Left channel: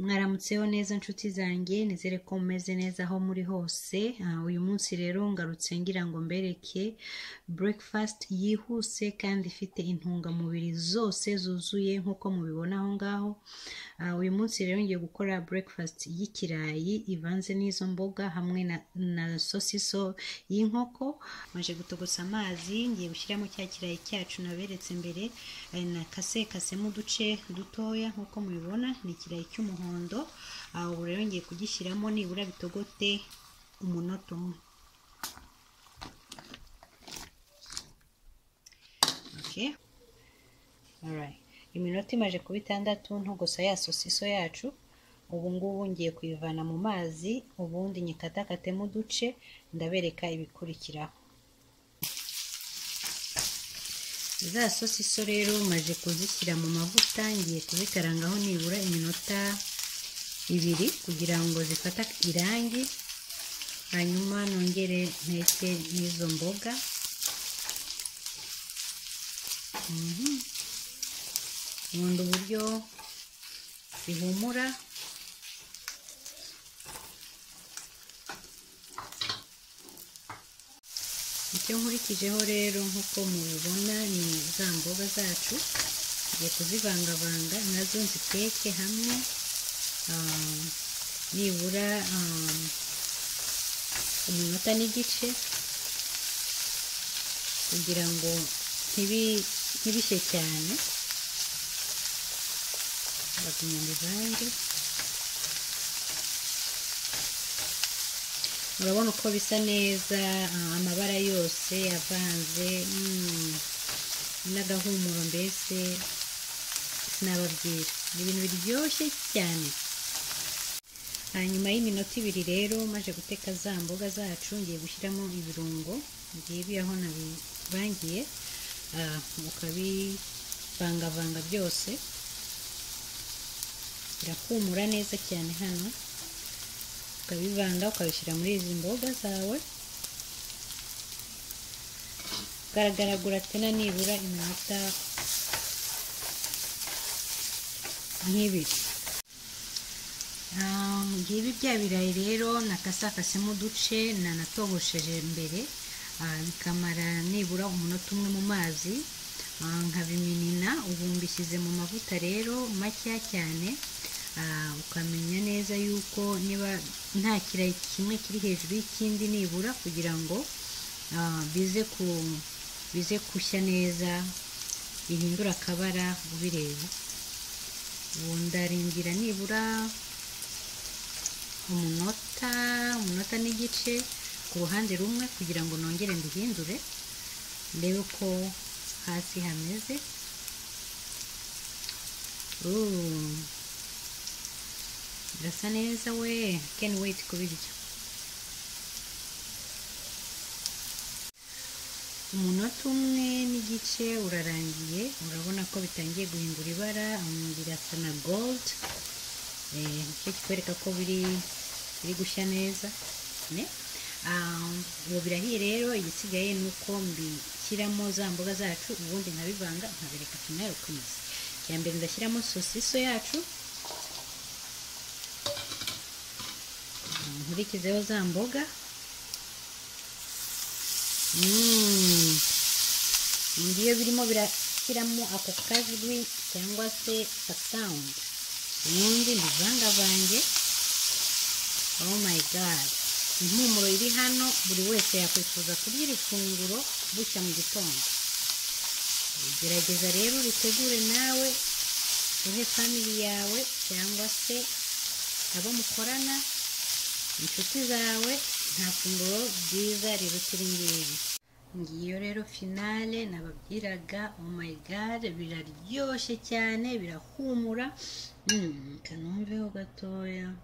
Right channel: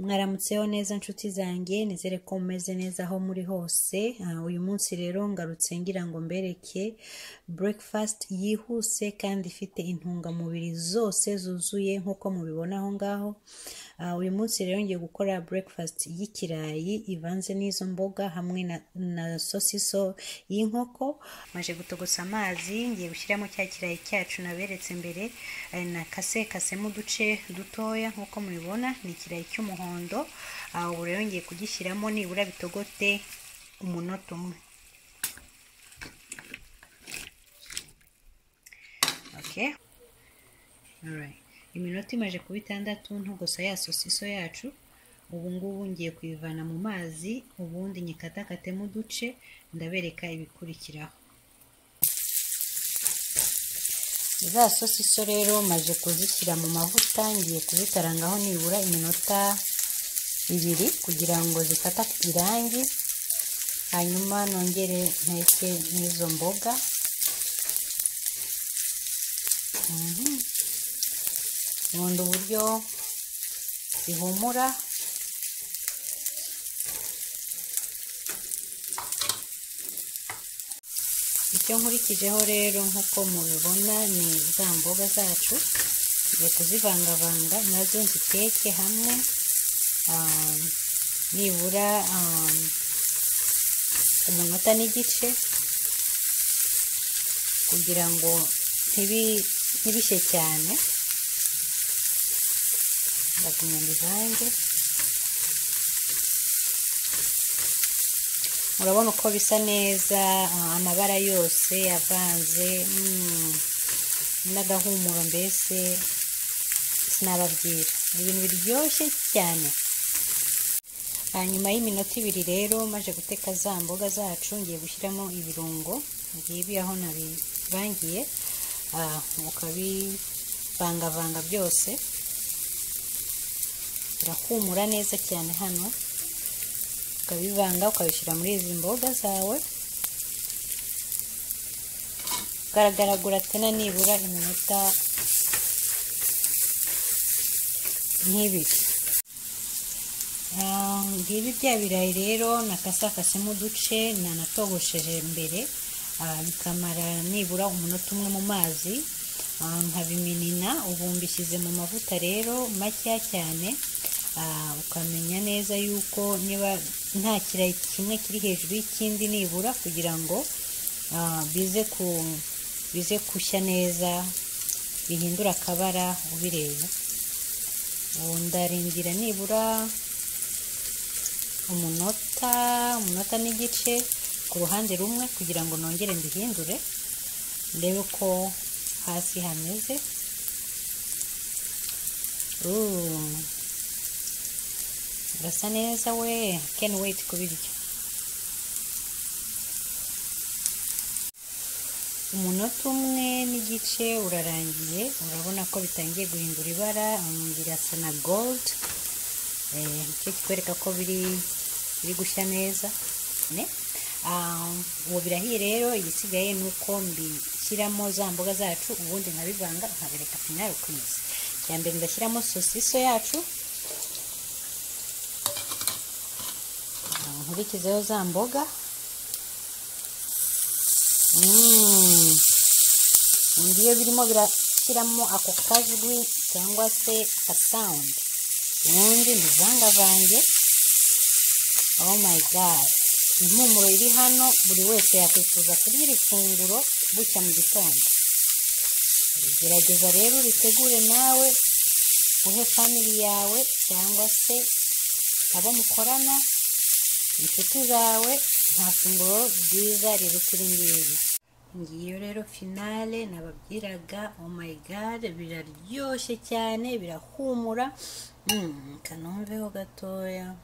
Mwaramutseho neza nshuti zanjye, nizere ko mumeze neza aho muri hose. Uyu munsi rero ngarutse ngira ngo mbereke breakfast yihuse kandi ifite intungamubiri zose zuzuye nk'uko mubibona aho ngaho. Uyu munsi rero ngiye gukora breakfast y'ikirayi ivanze n'izo mboga hamwe na sosiso y'inkoko. Maje gutogotsa amazi, ngiye gushyiramo cya kirayi cyacu naberetse mbere, kasemo uduce dutoya nk'uko mubibona. Ni ikirayi cy'umuhondo. Ubu rero ngiye kugishyiramo nibura bitogote umunota umwe. Okay. Alright. Iminota imaje kuba 6 ntogosa ya sosiso yacu. Ubu ngubu ngiye kuyivana mu mazi, ubundi nyikatakatemo uduce, ndabereka ibikurikiraho. Za sosiso rero maje kuzishyira mu mavuta, ngiye kuzikarangaho nibura iminota 2 kugira ngo zifata irangi, hanyuma nongere nteke n'izo mboga. Nkunda uburyo zihumura. Icyo nkurikijeho rero nk'uko mubibona ni za mboga zacu, ngiye kuzivangavanga nazo nziteke hamwe nibura umunota n'igice kugira ngo ntibishye cyane. Ndagumya mbivange. Murabona uko bisa neza, amabara yose avanze, n'agahumuro mbese sinababwira. Ibintu biryoshye cyane. Hanyuma y'iminota 2 rero maje guteka za mboga zacu, ngiye gushyiramo ibirungo ngibi aho nabivangiye, ukabivangavanga byose. Birahumura neza cyane hano. Ukabivanga ukabishyira muri izi mboga zawe, ukagaragura tena nibura iminota 2. Ngibi bya birayi rero nakasakasemo uduce nanatogosheje mbere, bikamara nibura umunota umwe mu mazi, nkabiminina. Ubu mbishyize mu mavuta rero make cyane, ukamenya neza yuko niba nta kirayi kimwe kiri hejuru y'ikindi nibura, kugira ngo bize kushya neza, bihindura akabara ubireba. Ubu ndarindira nibura umunota n'igice ku ruhande rumwe kugira ngo nongere mbihindure ndebe uko hasi hameze. Birasa neza we, can't wait kubirya. Umunota umwe n'igice urarangiye, urabona ko bitangiye guhindura ibara, birasa na gold. Nicyo kitwereka ko biri gushya neza. Ubu birahiye rero, ibisigaye ni uko mbishyiramo za mboga zacu, ubundi nkabivanga nkabereka finale kwiza. Cyambere ndashyiramo sosiso yacu, nkurikizeho za mboga. Iyo birimo birashyiramo ako kajwi cyangwa se ka sound, ubundi mbivangavange. Oh my god, impumuro iri hano buri wese yakwifuza kurya iri funguro bucya mu gitondo. Gerageza rero uritegure nawe, uhe family yawe cyangwa se abo mukorana, inshuti zawe. Nta funguro ryiza riruta iri ngiri. Ngiyo rero finale nababwiraga. Oh my god, biraryoshye cyane, birahumura. Kanomveho gatoya.